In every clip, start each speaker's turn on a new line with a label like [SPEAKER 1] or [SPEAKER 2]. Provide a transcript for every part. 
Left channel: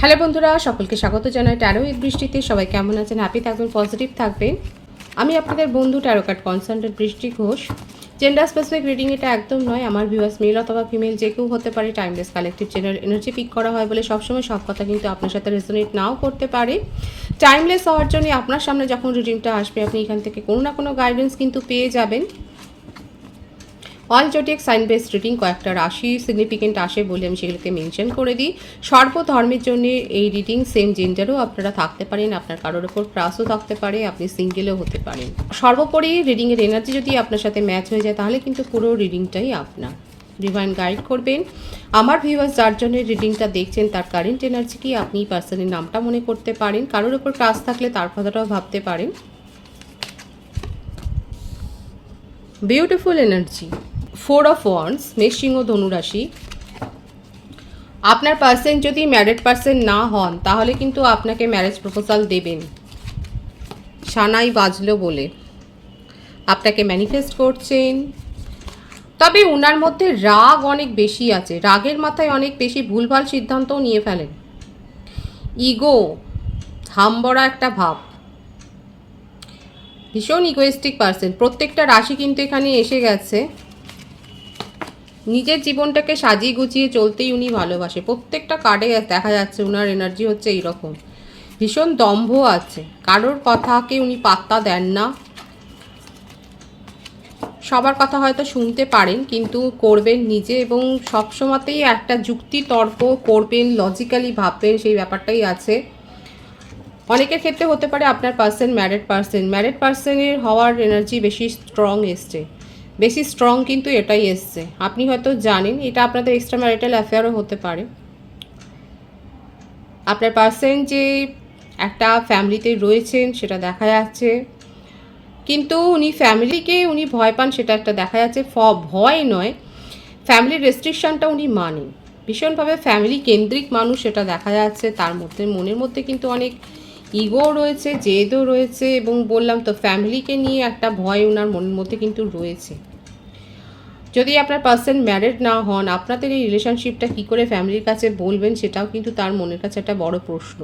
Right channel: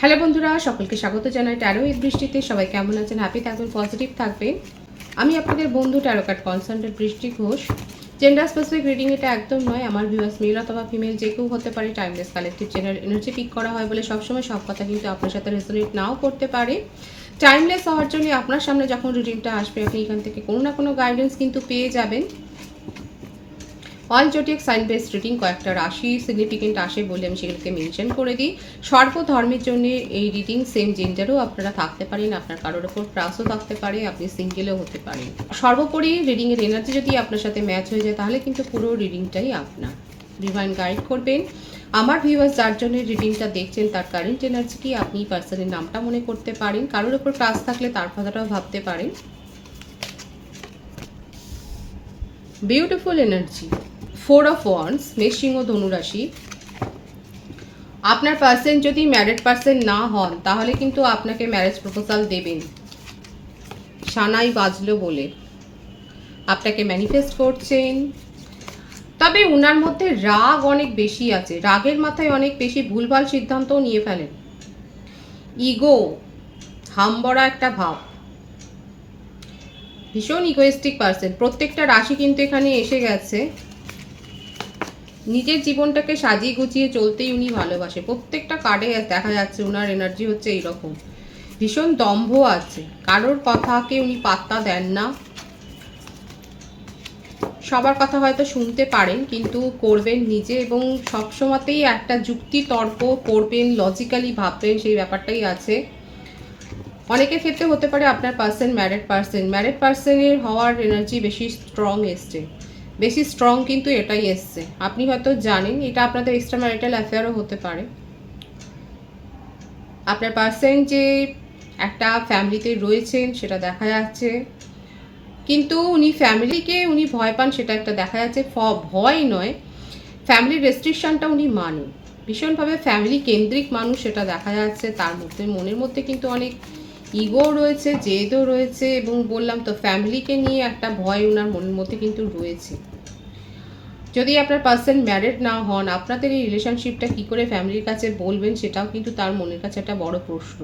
[SPEAKER 1] Hello বন্ধুরা, সকলকে স্বাগত জানাই ট্যারো ঈদ বৃষ্টিতে। সবাই কেমন আছেন? হ্যাপি থাকবেন পজিটিভ থাকবেন আমি আপনাদের বন্ধু ট্যারো কার্ড কনসালটেন্ট বৃষ্টি ঘোষ। জেন্ডার স্পেসিফিক রিডিং এটা একদম নয়, আমার ভিউয়ার্স মেল অথবা ফিমেল যে কেউ হতে পারে timeless collective general energy pick করা হয় বলে সবসময় সব কথা কিন্তু আপনার সাথে রেজোনেট নাও করতে পারে। টাইমলেস হওয়ার জন্য আপনার সামনে যখন রিডিংটা আসবে, আপনি এখান থেকে কোনো না কোনো গাইডেন্স কিন্তু পেয়ে যাবেন। All zodiac sign base reading কয়েকটা রাশি সিগনিফিকেন্ট আসে বলে আমি সেগুলোকে মেনশন করে দিই। সর্বধর্মের জন্য এই রিডিং সেম জেন্ডারও আপনারা থাকতে পারেন, আপনার কারোর ওপর ক্রাসও থাকতে পারে, আপনি সিঙ্গেলও হতে পারেন। সর্বোপরি রিডিংয়ের এনার্জি যদি আপনার সাথে ম্যাচ হয়ে যায়, তাহলে কিন্তু পুরো রিডিংটাই আপনার। ডিভাইন গাইড করবেন। আমার ভিউয়ার্স যার জন্য রিডিংটা দেখছেন, তার কারেন্ট এনার্জি কি, আপনি পার্সনের নামটা মনে করতে পারেন। কারোর ওপর ক্রাস থাকলে তার কথাটাও ভাবতে পারেন। Beautiful energy four of wands মেষ ও ধনুরাশি আপনার পার্সন যদি ম্যারিড পার্সন না হন, তাহলে কিন্তু আপনাকে ম্যারেজ প্রপোজাল দেবেন। সানাই বাজলো বলে। আপনাকে ম্যানিফেস্ট করছেন। তবে ওনার মধ্যে রাগ অনেক বেশি আছে। রাগের মাথায় অনেক বেশি ভুলভাল সিদ্ধান্তও নিয়ে ফেলেন। ইগো হামবড়া একটা ভাব। ভীষণ ইগোয়েস্টিক পার্সন প্রত্যেকটা রাশি কিন্তু এখানে এসে গেছে। নিজের জীবনটাকে সাজিয়ে গুছিয়ে চলতেই উনি ভালোবাসে। প্রত্যেকটা কার্ডে দেখা যাচ্ছে ওনার এনার্জি হচ্ছে এইরকম। ভীষণ দম্ভ আছে। কারোর কথাকে উনি পাত্তা দেন না। সবার কথা হয়তো শুনতে পারেন, কিন্তু করবেন নিজে এবং সবসময়তেই একটা যুক্তি তর্ক করবেন লজিক্যালি ভাববেন, সেই ব্যাপারটাই আছে। অনেকের ক্ষেত্রে হতে পারে আপনার পার্সন ম্যারেড পার্সন ম্যারেড পার্সনের হওয়ার এনার্জি বেশি স্ট্রং এসছে। বেশি স্ট্রং কিন্তু এটাই এসছে। আপনি হয়তো জানেন, এটা আপনাদের এক্সট্রা ম্যারিটাল অ্যাফেয়ারও হতে পারে। আপনার পার্সন যে একটা ফ্যামিলিতে রয়েছেন, সেটা দেখা যাচ্ছে। কিন্তু উনি ফ্যামিলিকে উনি ভয় পান, সেটা একটা দেখা যাচ্ছে। ফ, ভয় নয় ফ্যামিলির রেস্ট্রিকশনটা উনি মানে ভীষণভাবে ফ্যামিলি কেন্দ্রিক মানুষ সেটা দেখা যাচ্ছে। তার মধ্যে, মনের মধ্যে কিন্তু অনেক ইগো রয়েছে, জেদও রয়েছে এবং বললাম তো ফ্যামিলিকে নিয়ে একটা ভয় ওনার মনের মধ্যে কিন্তু রয়েছে। যদি আপনার পার্সন ম্যারেড না হন, আপনাদের এই রিলেশনশিপটা কী করে ফ্যামিলির কাছে বলবেন সেটাও কিন্তু তার মনের কাছে একটা বড় প্রশ্ন।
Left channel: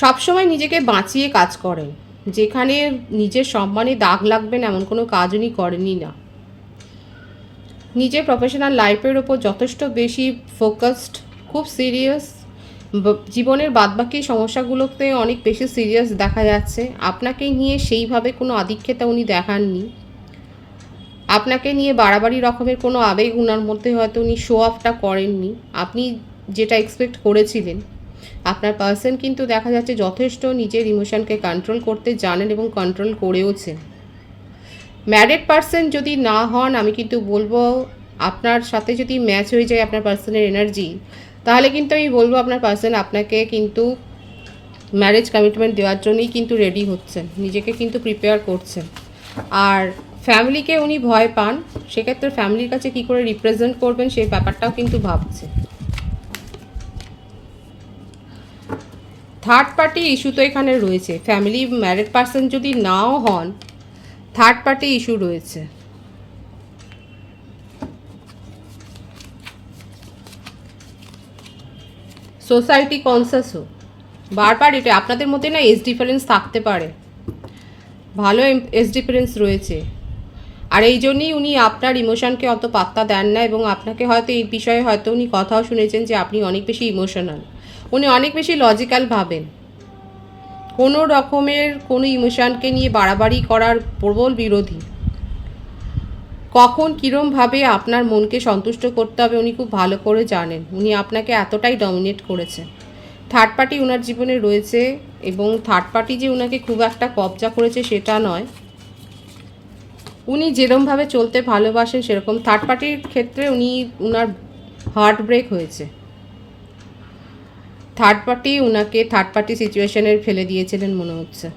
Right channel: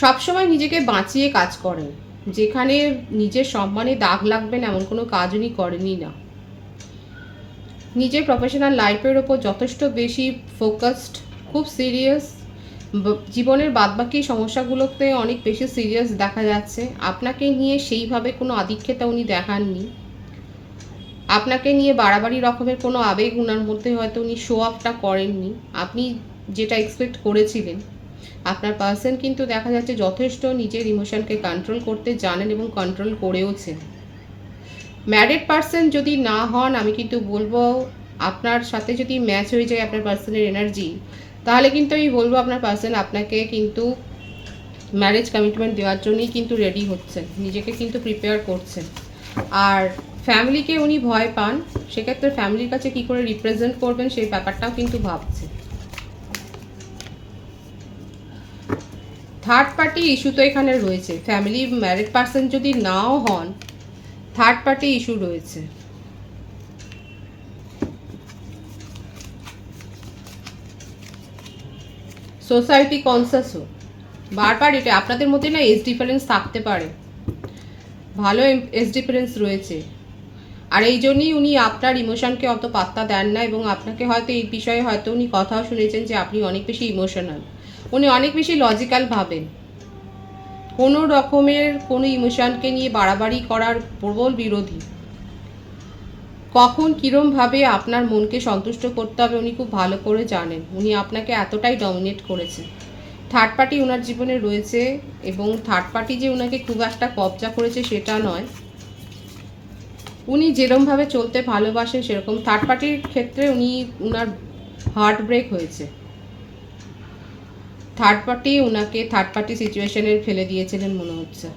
[SPEAKER 1] সবসময় নিজেকে বাঁচিয়ে কাজ করেন। যেখানে নিজের সম্মানে দাগ লাগবেন এমন কোনো কাজ উনি করেনই না। নিজের প্রফেশনাল লাইফের ওপর যথেষ্ট বেশি ফোকাসড খুব সিরিয়াস জীবনের বাদবাকি সমস্যাগুলোতে অনেক বেশি সিরিয়াস দেখা যাচ্ছে। আপনাকে নিয়ে সেইভাবে কোনো আধিক্যতা উনি দেখাননি। আপনাকে নিয়ে বাড়াবাড়ি রকমের কোনো আবেগ উনার মধ্যে হয়তো উনি শো অফটা করেননি। আপনি যেটা এক্সপেক্ট করেছিলেন, আপনার পার্সন কিন্তু দেখা যাচ্ছে যথেষ্ট নিজের ইমোশনকে কন্ট্রোল করতে জানেন এবং কন্ট্রোল করেওছেন। ম্যারিড পার্সন যদি না হন, আমি কিন্তু বলব আপনার সাথে যদি ম্যাচ হয়ে যায় আপনার পার্সনের এনার্জি তাহলে কিন্তু আমি বলব আপনার পার্সন আপনাকে কিন্তু ম্যারেজ কমিটমেন্ট দেওয়ার জন্যই কিন্তু রেডি হচ্ছেন, নিজেকে কিন্তু প্রিপেয়ার করছেন। আর ফ্যামিলিকে উনি ভয় পান, সেক্ষেত্রে ফ্যামিলির কাছে কি করে রিপ্রেজেন্ট করবেন সেই ব্যাপারটাও কিন্তু ভাবছে। থার্ড পার্টি ইস্যু তো এখানে রয়েছে। ফ্যামিলি ম্যারিড পার্সন যদি নাও হন থার্ড পার্টি ইস্যু রয়েছে। সোসাইটি কনসাসও বারবার এটা আপনাদের মধ্যে না এজ ডিফারেন্স থাকতে পারে। ভালো এজ ডিফারেন্স রয়েছে। আর এই জন্যই উনি আপনার ইমোশনকে অত পাত্তা দেন না এবং আপনাকে হয়তো এই বিষয়ে হয়তো উনি কথাও শুনেছেন যে আপনি অনেক বেশি ইমোশনাল উনি অনেক বেশি লজিক্যাল ভাবেন। কোনো রকমের কোনো ইমোশনকে নিয়ে বাড়াবাড়ি করার প্রবল বিরোধী। কখন কীরমভাবে আপনার মনকে সন্তুষ্ট করতে হবে উনি খুব ভালো করে জানেন। উনি আপনাকে এতটাই ডমিনেট করেছেন। থার্ড পার্টি ওনার জীবনে রয়েছে এবং থার্ড পার্টি যে ওনাকে খুব একটা কবজা করেছে সেটা নয়। উনি যেরমভাবে চলতে ভালোবাসেন, সেরকম থার্ড পার্টির ক্ষেত্রে উনি উনার হার্ট ব্রেক হয়েছে। থার্ড পার্টি ওনাকে থার্ড পার্টি সিচুয়েশনের ফেলে দিয়েছিলেন মনে হচ্ছে।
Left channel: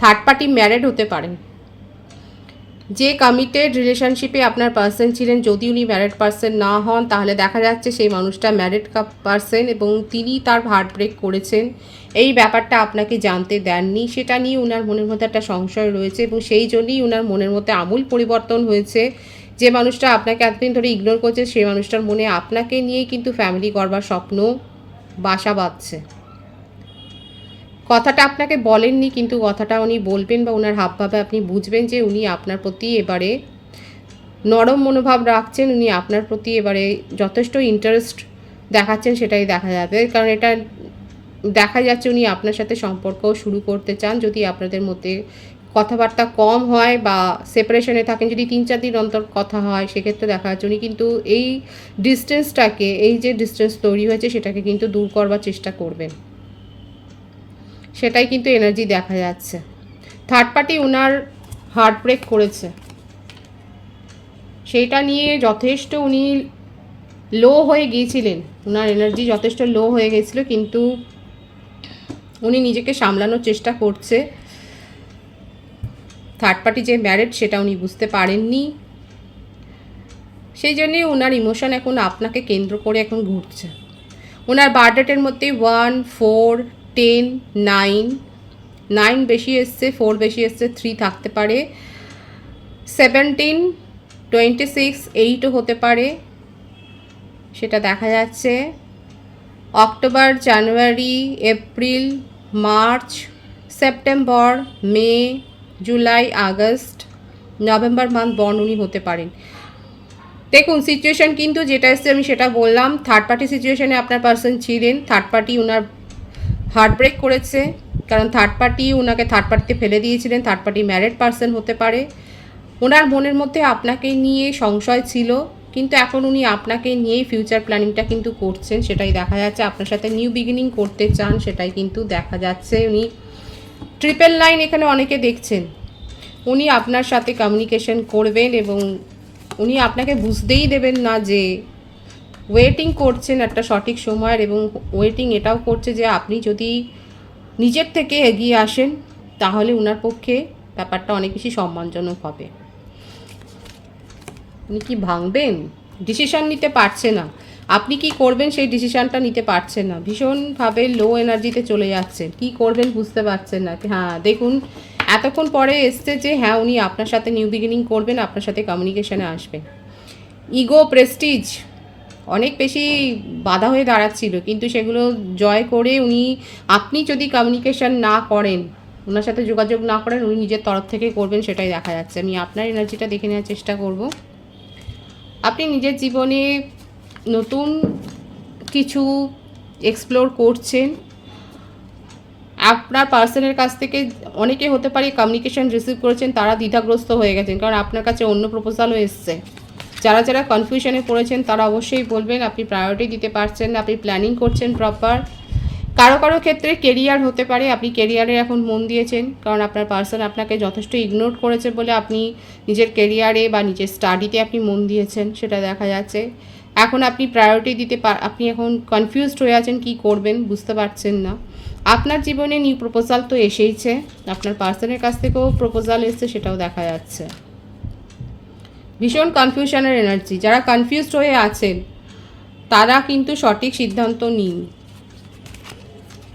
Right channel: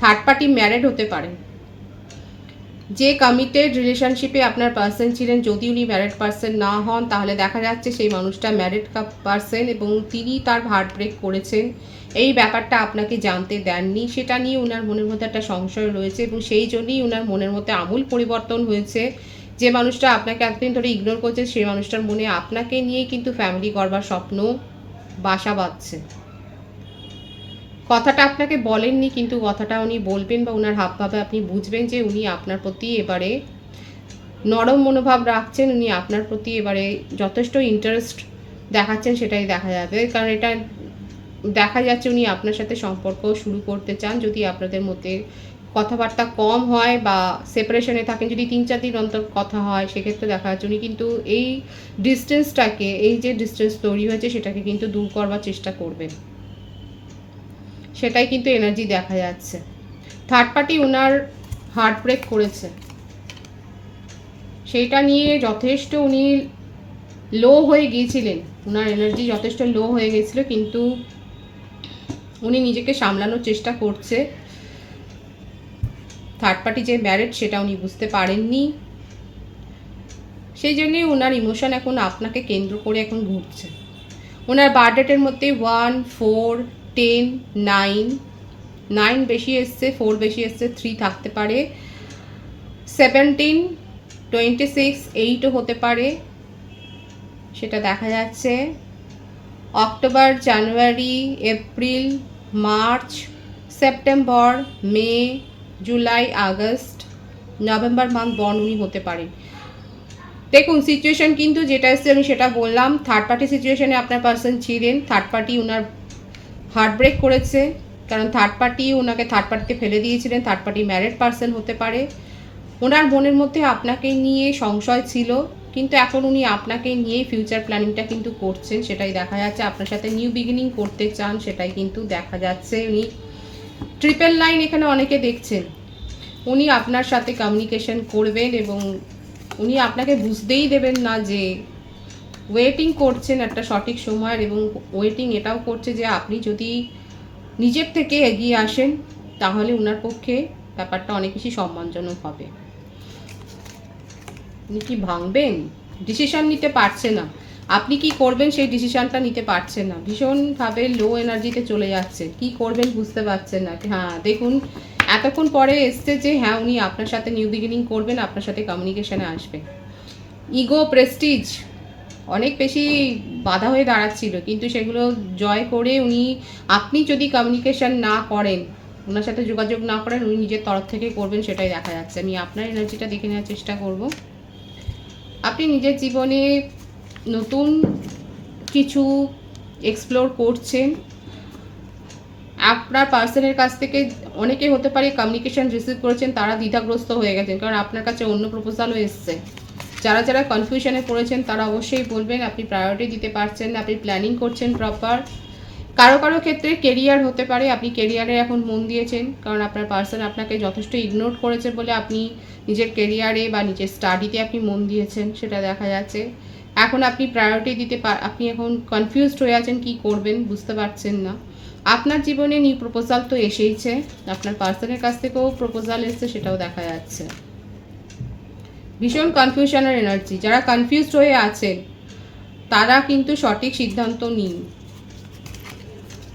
[SPEAKER 1] থার্ড পার্টি ম্যারেড হতে পারেন। যে কমিটেড রিলেশনশিপে আপনার পার্সন ছিলেন, যদি উনি ম্যারিড পার্সন না হন, তাহলে দেখা যাচ্ছে সেই মানুষটা ম্যারিড পার্সন এবং তিনি তার হার্ট ব্রেক করেছেন। এই ব্যাপারটা আপনাকে জানতে দেননি। সেটা নিয়ে ওনার মনের মধ্যে একটা সংশয় রয়েছে এবং সেই জন্যই ওনার মনের মধ্যে আমূল পরিবর্তন হয়েছে। যে মানুষটা আপনাকে এতদিন ধরে ইগনোর করছে, সেই মানুষটার মনে আপনাকে নিয়েই কিন্তু ফ্যামিলি করবার স্বপ্ন বাসা বাঁধছে। কথাটা আপনাকে বলেননি, কিন্তু কথাটা উনি বলবেন বা ওনার হাবভাবে আপনি বুঝবেন যে উনি আপনার প্রতি এবারে নরম মনোভাব রাখছেন, উনি আপনার প্রতি এবারে যথেষ্ট ইন্টারেস্ট দেখাচ্ছেন, সেটাই দেখা যাবে। কারণ এটা দেখা যাচ্ছে উনি আপনার সাথে সম্পর্ক শুরু করতে চান, যদি আপনাদের মধ্যে কথাবার্তা কম হয় বা সেপারেশনে থাকেন, যদি তিন চার দিন অন্তর কথা হয়, সেক্ষেত্রে দেখা যাচ্ছে উনি কিন্তু এই ডিস্টেন্সটাকে এই যে ডিস্টেন্স তৈরি হয়েছে, সেটাকে কিন্তু দূর করবার চেষ্টা করবেন। সেটাই কিন্তু এনার্জি দেখা যাচ্ছে। থার্ড পার্টি ওনার হার্ট ব্রেক করেছে। সেইটা নিয়ে যথেষ্ট উনি লো হয়ে গিয়েছিলেন। ওনার এনার্জি যথেষ্ট লো হয়ে গেছিল কিন্তু উনি নিজেকে সামলানোর চেষ্টা করছে। থার্ড পার্টি যে ম্যারেড সেটা উনি বুঝতে পারেননি। সেই জন্যে ওনার ইমোশন এখন আপনাকে কেন্দ্র করে এখন ঘুরছে। ওনার বার্থডেটের মধ্যে one four ten, nine nine বেশি এসছে, ফোর বেশি এসছে, থ্রি থাকতে পারে। সেভেন্টিন টোয়েন্টি সিক্স এইটও হতে পারে। সেটা দেখা যাচ্ছে। October, January, April, March, September, May, July, August, November month born উনি হতে পারেন। দেখুন সিচুয়েশন কিন্তু যেটা এসছে আমি সেটা বললাম। থার্ড পার্টি সিচুয়েশনে আপনার পার্সন ছিলেন। থার্ড পার্টি ওনার হার্ট ব্রেক করেছে, কারণ থার্ড পার্টি ওনাকে থার্ড পার্টিতে ফেলে দিয়েছিলেন থার্ড পার্টি ম্যারেড পার্সন হতে পারে। ওনার মনের মধ্যে আপনাকে নিয়ে সংশয় ছিল, কিন্তু এখন উনি আপনাকে নিয়েই ফিউচার প্ল্যানিংটা কিন্তু করছেন, সেটাই দেখা যাচ্ছে। আপনার সাথে নিউ বিগিনিং করতে চান, সেটাই কিন্তু দেখা যাচ্ছে। উনি ট্রিপল লাইন এখানে অনেকে দেখছেন। উনি আপনার সাথে কমিউনিকেশন করবেন এবং উনি আপনাকে বুঝতেই দেবেন না যে ওয়েটিং করছেন একটা সঠিক সময়ের এবং ওয়েটিং এটাও করছে যে আপনি যদি নিজের থেকে এগিয়ে আসেন, তাহলে ওনার পক্ষে ব্যাপারটা অনেক বেশি সম্মানজনক হবে। উনি কি ভাঙবেন? ডিসিশন নিতে পারছে না। আপনি কি করবেন সেই ডিসিশনটা নিতে পারছেন না। ভীষণভাবে লো এনার্জিতে চলে যাচ্ছেন কি করবেন বুঝতে পারছেন না। হ্যাঁ দেখুন, এতক্ষণ পরে এসছে যে হ্যাঁ উনি আপনার সাথে নিউ বিগিনিং করবেন, আপনার সাথে কমিউনিকেশানে আসবেন। ইগো প্রেস্টিজ অনেক বেশি বাধা হয়ে দাঁড়াচ্ছিল, কিন্তু সেগুলো জয় করে উনি, আপনি যদি কমিউনিকেশন না করেন, ওনার সাথে যোগাযোগ না করেন, উনি নিজের তরফ থেকে করবেন সেটাই দেখা যাচ্ছে। আমি আপনার এনার্জিটা দেখে নেওয়ার চেষ্টা করব। আপনি নিজের জীবনে নতুন কিছু এক্সপ্লোর করছেন। আপনার পার্সনের কাছ থেকে অনেকে হতে পারে কমিউনিকেশন রিসিভ করেছেন, তারা দ্বিধাগ্রস্ত হয়ে গেছেন, কারণ আপনার কাছে অন্য প্রপোজালও এসছে। যারা যারা কনফিউশনে পড়েছেন, তারা অবশ্যই বলবেন আপনি প্রায়োরিটি দিতে পারছেন না, আপনি প্ল্যানিং করছেন প্রপার কারও কারও ক্ষেত্রে কেরিয়ার হতে পারে, আপনি কেরিয়ারে এখন মন দিয়েছেন, কারণ আপনার পার্সন আপনাকে যথেষ্ট ইগনোর করেছে বলে আপনি নিজের কেরিয়ারে বা নিজের স্টাডিতে আপনি মন দিয়েছেন, সেটা দেখা যাচ্ছে। এখন আপনি প্রায়োরিটি দিতে পার আপনি এখন কনফিউজড হয়ে আছেন, কি করবেন বুঝতে পারছেন না। আপনার জীবনে নিউ প্রপোজাল তো এসেইছে, আপনার পার্সনের কাছ থেকেও প্রপোজাল এসছে, সেটাও দেখা যাচ্ছে। ভীষণ কনফিউশনের এনার্জি যারা কনফিউজড হয়ে আছেন, তারা কিন্তু সঠিক সিদ্ধান্ত নিন।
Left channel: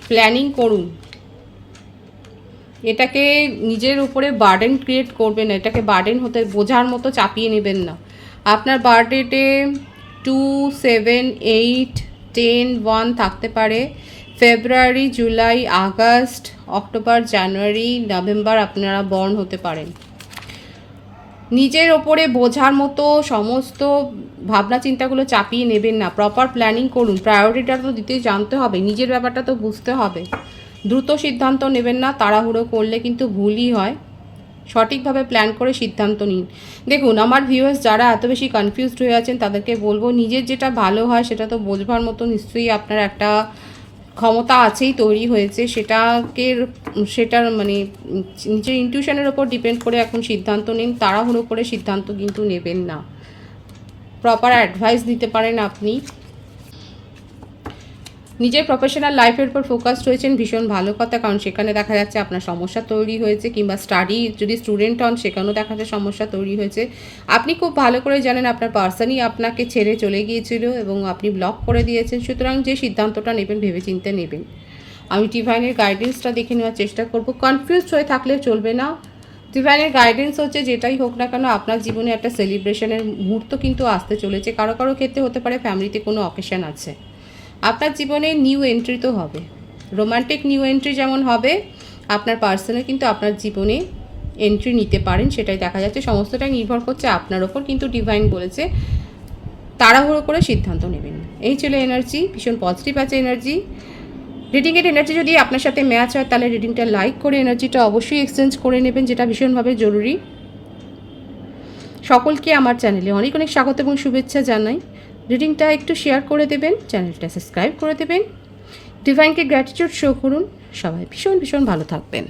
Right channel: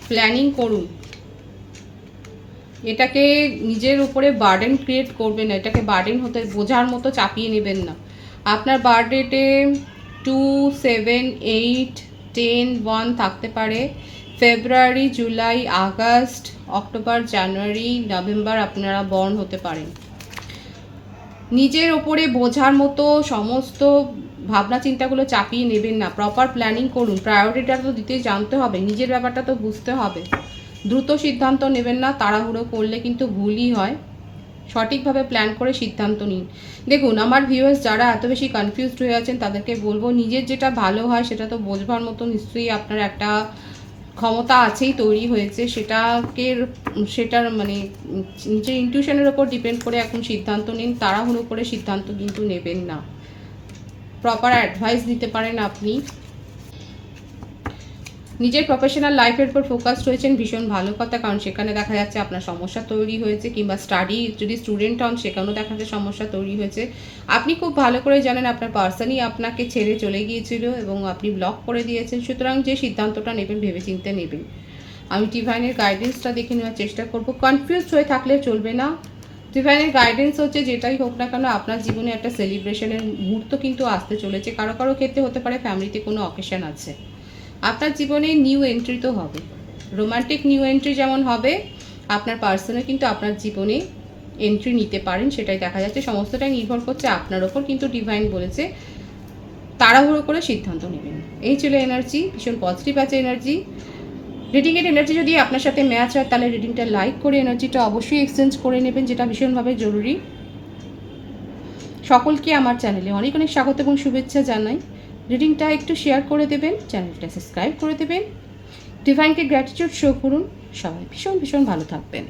[SPEAKER 1] প্ল্যানিং করুন। এটাকে নিজের উপরে বার্ডেন ক্রিয়েট করবেন না, এটাকে বার্ডেন হতে বোঝার মতো চাপিয়ে নেবেন না। আপনার বার্থডেতে two seven eight ten one থাকতে পারে। February July August October January November আপনারা বর্ন হতে পারেন। নিজের ওপরে বোঝার মতো সমস্ত ভাবনা চিন্তাগুলো চাপিয়ে নেবেন না। প্রপার প্ল্যানিং করুন। প্রায়োরিটিটা তো দিতে জানতে হবে। নিজের ব্যাপারটা তো বুঝতে হবে। দ্রুত সিদ্ধান্ত নেবেন না, তাড়াহুড়ো করলে কিন্তু ভুলই হয়। সঠিকভাবে প্ল্যান করে সিদ্ধান্ত নিন। দেখুন, আমার ভিউয়ার্স যারা এত বেশি কনফিউজড হয়ে আছেন, তাদেরকে বলব, নিজের যেটা ভালো হয়, সেটা তো বোঝবার মতো নিশ্চয়ই আপনার একটা ক্ষমতা আছেই তৈরি হয়েছে, সেটাকে সেটার মানে নিজের ইনটিউশনের ওপর ডিপেন্ড করে এখন সিদ্ধান্ত নিন, তাড়াহুড়ো করে সিদ্ধান্ত কিন্তু নেবেন না। প্রপার অ্যাডভাইস দিতে পারেন আপনি। নিজের প্রফেশনাল লাইফের উপর ফোকাস রয়েছেন ভীষণ ভালো কথা, কারণ সেখানে দেখা যাচ্ছে আপনার সমস্যা তৈরি হয়েছে কিংবা স্টাডি যদি স্টুডেন্ট হন, সেখানেও দেখা যাচ্ছে সমস্যা তৈরি হয়েছে। আপনি খুব ভালো করে জানেন, আপনার পার্সনই আপনাকে ছেড়ে চলে গিয়েছিল এবং আপনি ব্লক করে দিয়েছেন। সুতরাং যে সিদ্ধান্তটা নেবেন, ভেবেচিন্তে নেবেন। আমি ডিভাইনের গাইডেন্সটা দেখে নেওয়ার চেষ্টা করব। কনফিউজ হয়ে থাকলে চলবে না। ডিভাইনের গাইডেন্স হচ্ছে, যেটাই হোক না কেন, আপনার জীবনে একটা সেলিব্রেশনের মুহূর্ত কিন্তু আসতে চলেছে। কারও কারও ক্ষেত্রে হতে পারে ফ্যামিলিতে কোনো অকেশন আছে। আপনার জীবনে নিউ এন্ট্রি তো হবে। রোমান্টিক নিউ এন্ট্রি যেমন হবে, আপনার পার্সনে কিন্তু আপনার জীবনে এন্ট্রি নিতে পারেন, সেটাই দেখা যাচ্ছে। সমস্তটাই নির্ভর করছে আপনার ওপর কিন্তু ডিভাইন বলেছে তাড়াহুড়ো করে সিদ্ধান্ত নেবেন। এই ছিল এনার্জি ভীষণ পজিটিভ আছে এনার্জি রিডিংয়ের এনার্জি যদি আপনার সাথে ম্যাচ হয়, তাহলে রিডিংটা লাইক করে এনার্জিটা অবশ্যই এক্সচেঞ্জ করে নেবেন, যেটা ভীষণভাবে জরুরি। সকলকে আমার চ্যানেলে অনেক অনেক স্বাগত এবং শুভেচ্ছা জানাই। রিডিংটা একটু শেয়ার করে দেবেন, চ্যানেলটা সাবস্ক্রাইব করে দেবেন। ডিভাইনকে গ্র্যাটিটিউড শো করুন। সবাই ভীষণ ভীষণ ভালো থাকবেন।